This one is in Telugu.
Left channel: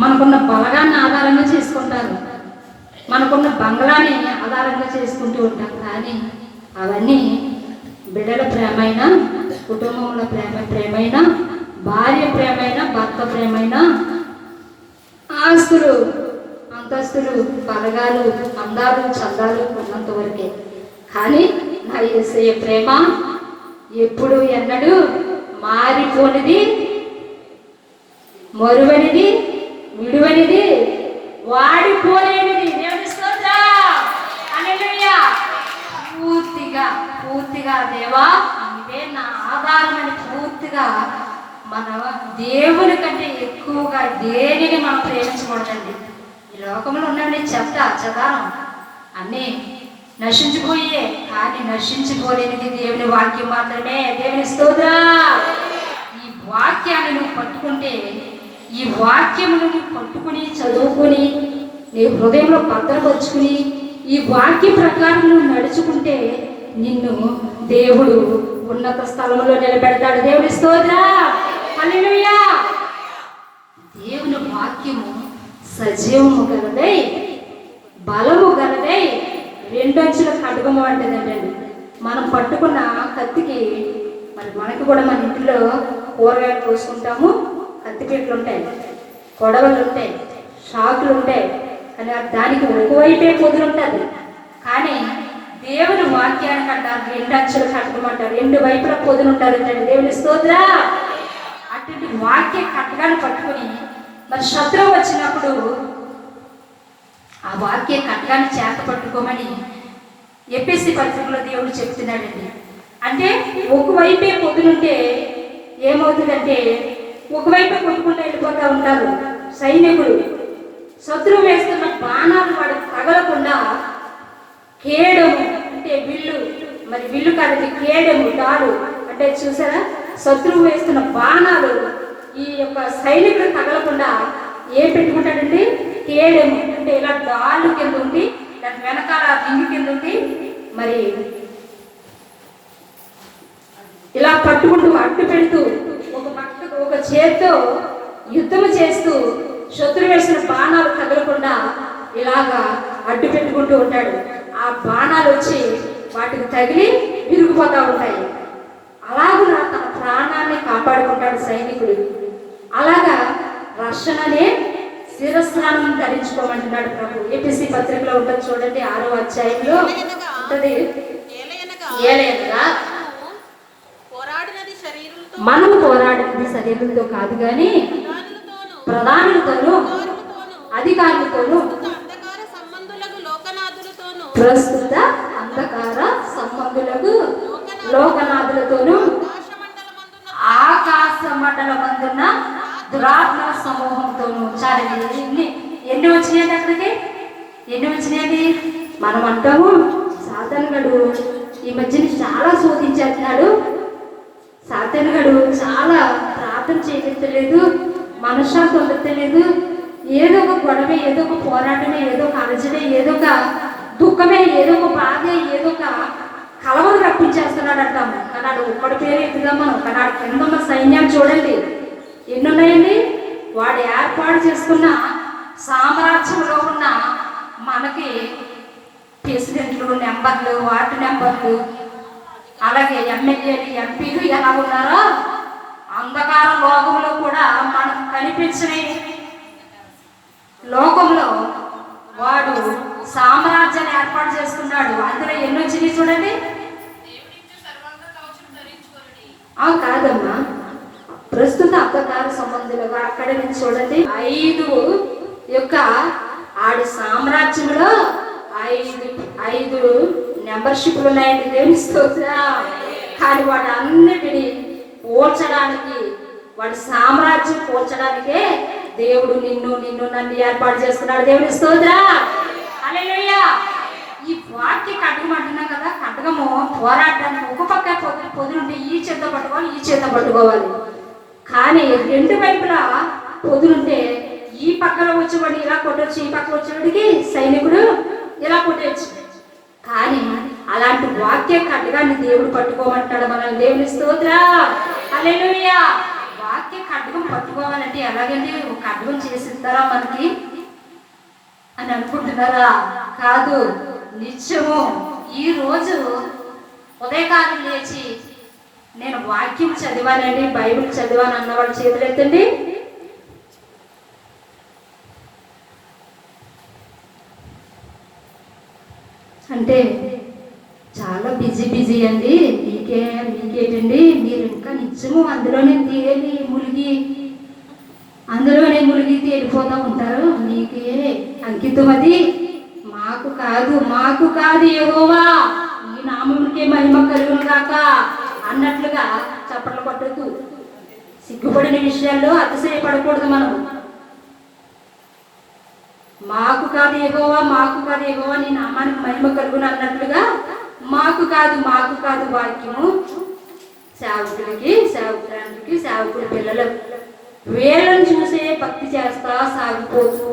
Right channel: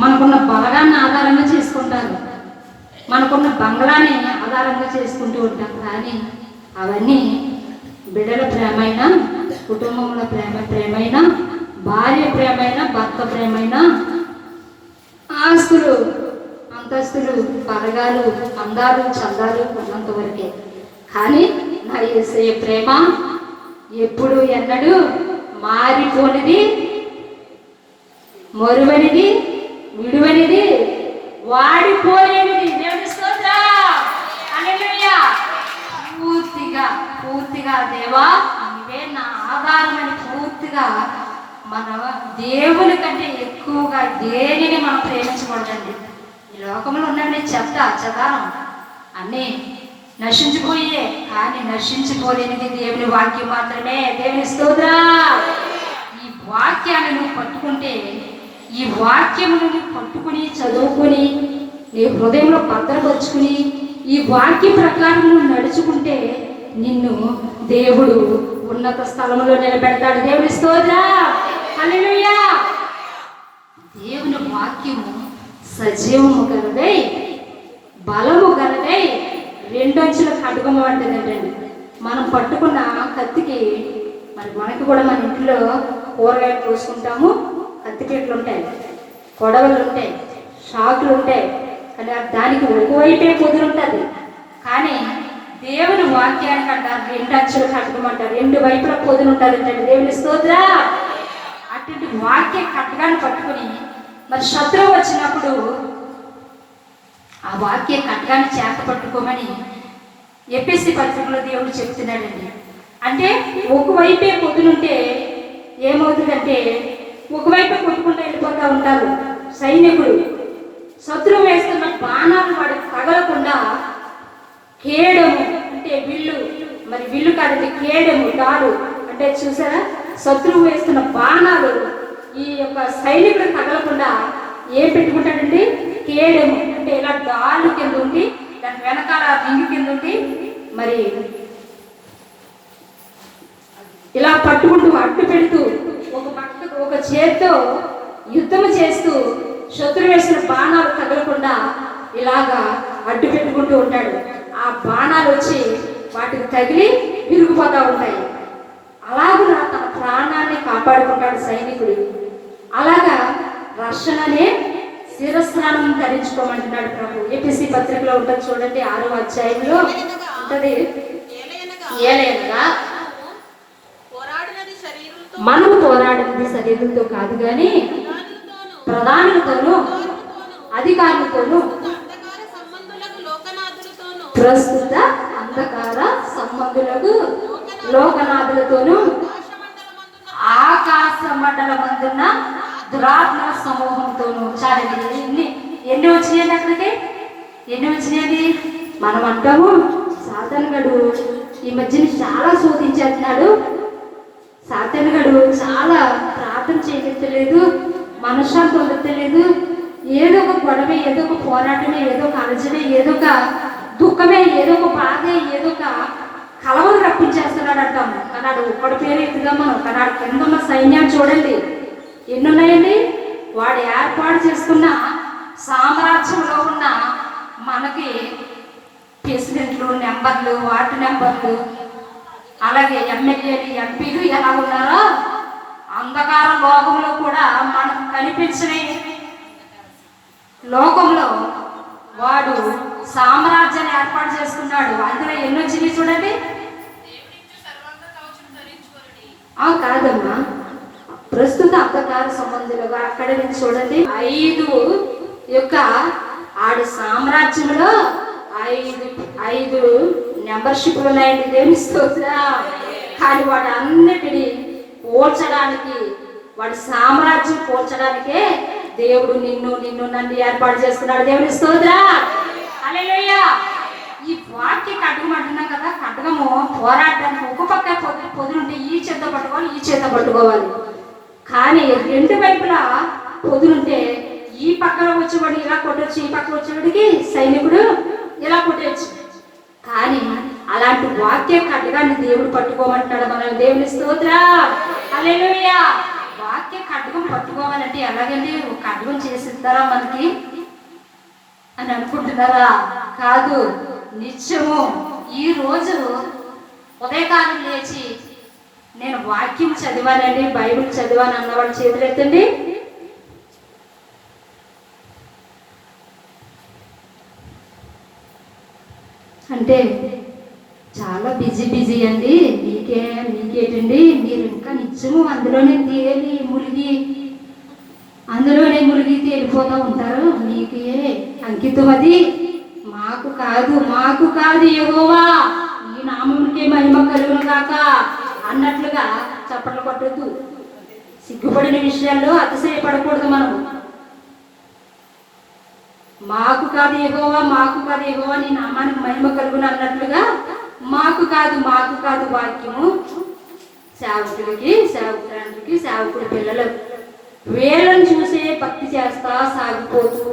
మనకున్న బలగాన్ని ఆధారంగా చేసుకుంటారు, మనకున్న బంగ్లాని ఆధారంగా చేసుకుంటూ ఉంటారు. కానీ అవన్నీ బిడ్డల ప్రేమైనా, కుటుంబంలో ప్రేమైనా, భార్య ప్రేమైనా, భర్త ప్రేమైనా, ఆస్తులు అంతస్తులు బలగాలు అందాలు చందాలు ఉన్నంత వరకే. కానీ నా యేసయ్య ప్రేమ ఎప్పుడు ఎన్నడూ మారిపోనిది, మరువనిది, విడువనిది, వాడిపోలేనిది. పూర్తిగా పూర్తిగా దేవా ఇవే నా ఆధారమని పూర్తిగా మన దేవుని కంటే ఎక్కువగా దేనిని మనం ప్రేమించకూడదండి. ఈ లోకంలో ఉండండి చెదారం అన్నీ నశించిపోయే, కానీ నశించిపోలేనిది దేవుని వాక్యం మాత్రమే. దేవుని స్తోత్రం. ఈ వాక్యాన్ని నువ్వు పట్టుకుంటే, ఈ వాక్యమును నువ్వు పట్టుకుని చదువుకొని నీ హృదయంలో భద్రపరుచుకుని ఈ వాక్య ప్రకారం నువ్వు నడుచుకుంటే నిన్ను దేవుడు ఉన్నత స్థలంలో నిలబెడతాడు. దేవుని స్తోత్రం. హల్లెలూయా. దేవుని వాక్యము సజీవము గలదై, బలము గలదై, రెండొంచుల ఖడ్గము అంటేదండి. మనం పట్టుకున్న కత్తికి, మరి మనకి కూడా మన ఇంట్లో కూరగాయలు కోసుకుంటాము, కత్తిపీటలు ఉంటాయి, కొడవలు ఉంటాయి, షాకులు ఉంటాయి. కానీ దానికి ఒకవైపే పొదులు ఉంటుంది. కానీ దేవుని వాక్యానికి అంటారు రెండు అంచులు కట్టుకోమంటారు, రెండు వైపుల పొదులు ఉంటారు. దేవుని స్తోత్రం. అటువంటి వాక్య కట్టడాన్ని పట్టుకుని మరి శత్రువు వచ్చినప్పుడు ఆ వాక్య కట్టడాన్ని చేత పట్టుకోమని ఎఫెసీ పత్రికలో దేవుడు చెప్తున్నాడండి. అంటే ఒకవైపే పొదులుంటే ఏమవుతుందంటే ఒకవైపే కొట్టుకుంటూ వెళ్ళిపోతూ ఉంటారు సైనికులు. శత్రువు వేస్తున్న బాణాలు వాడికి తగలకుండా కేడము అంటే విల్లు, మరి విల్లు కాదండి కేడము, తాడు అంటే చూసారా, శత్రువు వేస్తున్న బాణాలు ఈ యొక్క సైనికులు తగలకుండా ఏం పెట్టుకుంటాడండి, కేడము అంటే ఇలా డాలు కింద ఉండి దాని వెనకాల రింగు కింద ఉండి మరి ఇలా పట్టుకుంటూ అడ్డు పెడుతూ ఒక పక్కకు ఒక చేత్తో యుద్ధం చేస్తూ శత్రు వేసిన బాణాలు తగలకుండా ఇలాగా అడ్డు పెట్టుకుంటూ ఉంటాడు. ఆ బాణాలు వచ్చి వాటికి తగిలి విరిగిపోతూ ఉంటాయి. అలాగే తన ప్రాణాన్ని కాపాడుకుంటాడు సైనికుడు. అలాగా రక్షణనే శిరస్నానం ధరించుకోమంటున్నాడు ప్రభు. ఏపీసీ పత్రికలో ఉంటుంది చూడండి, 6వ అధ్యాయంలో ఉంటుంది. ఏలైనగా మనము పోరాడినది శరీరంతో కాదు కానీ ప్రధానులతోనూ అధికారులతోనూ ప్రస్తుత అంధకార సంబంధులకు లోకనాథులతోనూ ఆకాశ మండలమందున్న దురాత్మ సమూహంతోనూ. చాలండి, ఎన్ని వచ్చినాయి అక్కడికి, ఎన్ని వచ్చినాయి. మనం అంటాము సాతానుగాడు ఈ మధ్యన చాలా శోధించేస్తున్నాడు, సాతానుగాడు చాలా ప్రార్థన చేయలేదు, మనశ్శాంతి వదలలేదు, ఏదో ఒక గొడవ, ఏదో ఒక పోరాటమే, ఏదో ఒక అలజడే, ఏదో ఒక దుఃఖమే, ఏదో ఒక బాధే, ఏదో ఒక కలవలు రప్పించేస్తున్నాడు అంటాము. కన్నాడు ఒక్కడి పేరు ఎత్తుదమ్మా, కన్నాడు కిందమ్మ సైన్యాలు చూడండి ఎన్ని ఉన్నాయండి. వాడు ఏర్పాటు చేసుకున్న సామ్రాజ్యంలో ఉన్న మనకి ప్రెసిడెంట్లు నెంబర్లు, వార్డు నెంబర్లు, అలాగే ఎమ్మెల్యేలు, ఎంపీలు ఎలా ఉన్నారో అంధకార లోకంలో కూడా మనకు కనిపించిన లోకంలో వాడు సామ్రాజ్యాన్ని ఏర్పాటు చేసుకున్నాడు. అందులో ఎన్ని వచ్చినాయి చూడండి. కాదమ్మా, ప్రస్తుత అంధకార సంబంధులుగా అక్కడ నుంచి చూడండి 5 యొక్క ఆడు సామ్రాజ్యంలో 5 మెంబర్షిప్లు ఉన్నాయండి. దేనిస్తోసా. కానీ వాడు అన్నిటినీ పోల్చడానికి, వాడి సామ్రాజ్యం పోల్చడానికే దేవుడు నిన్ను నన్ను ఏర్పాటు చేసుకున్నాడు. దేవుని స్తోత్రం. హల్లెలూయా. ఈ వాక్య కట్టకం అంటున్నాం కదా, కట్టకము పోరాటానికి ఒక పక్క పొదులుంటే ఈ చేత పట్టుకోవాలి, ఈ చేత పట్టుకోవాలి. కానీ రెండు వైపులా పొదులుంటే ఈ పక్కన వచ్చేవాడు ఇలా కొట్టొచ్చు, ఈ పక్కన వచ్చేవాడికి సైనికుడు ఇలా కొట్టచ్చు. కానీ అలాంటి వాక్య ఖడ్గాన్ని దేవుడు పట్టుకోమంటాడు. మనం దేవుని స్తోత్రం. హల్లెలూయా. వాక్య ఖడ్గం పట్టుకోవాలంటే అంటే ఎలాగండి ఒక అడ్డం చేసిస్తారా మనకి అని అనుకుంటున్నారా? కాదు, నిత్యము ఈ రోజు ఉదయకాలం లేచి నేను వాక్యం చదివానండి, బైబిల్ చదివాను అన్నవాళ్ళు చేతులు ఎత్తండి. అంటే చాలా బిజీ అండి. మీకేటండి, మీరు ఇంకా నిత్యము అందులోనే ములిగి తేలిపోతూ ఉంటారు. మీకే అంకితం అది. మాకు కాదు యెహోవా ఈ నామముకే మహిమ కలుగును కాక అన్నట్లుగా చప్పట్లు కొట్టద్దు. సిగ్గుపడిన విషయాల్లో అతిశయపడకూడదు. మనము మాకు కాదు యెహోవా నీ నామానికి మహిమ కలుగును అన్నట్లుగా మాకు కాదు వాక్యము సేవకురానికి సేవకుడి పిల్లలు వీళ్ళని చూసే భక్తి చేస్తా సాగిపోతూ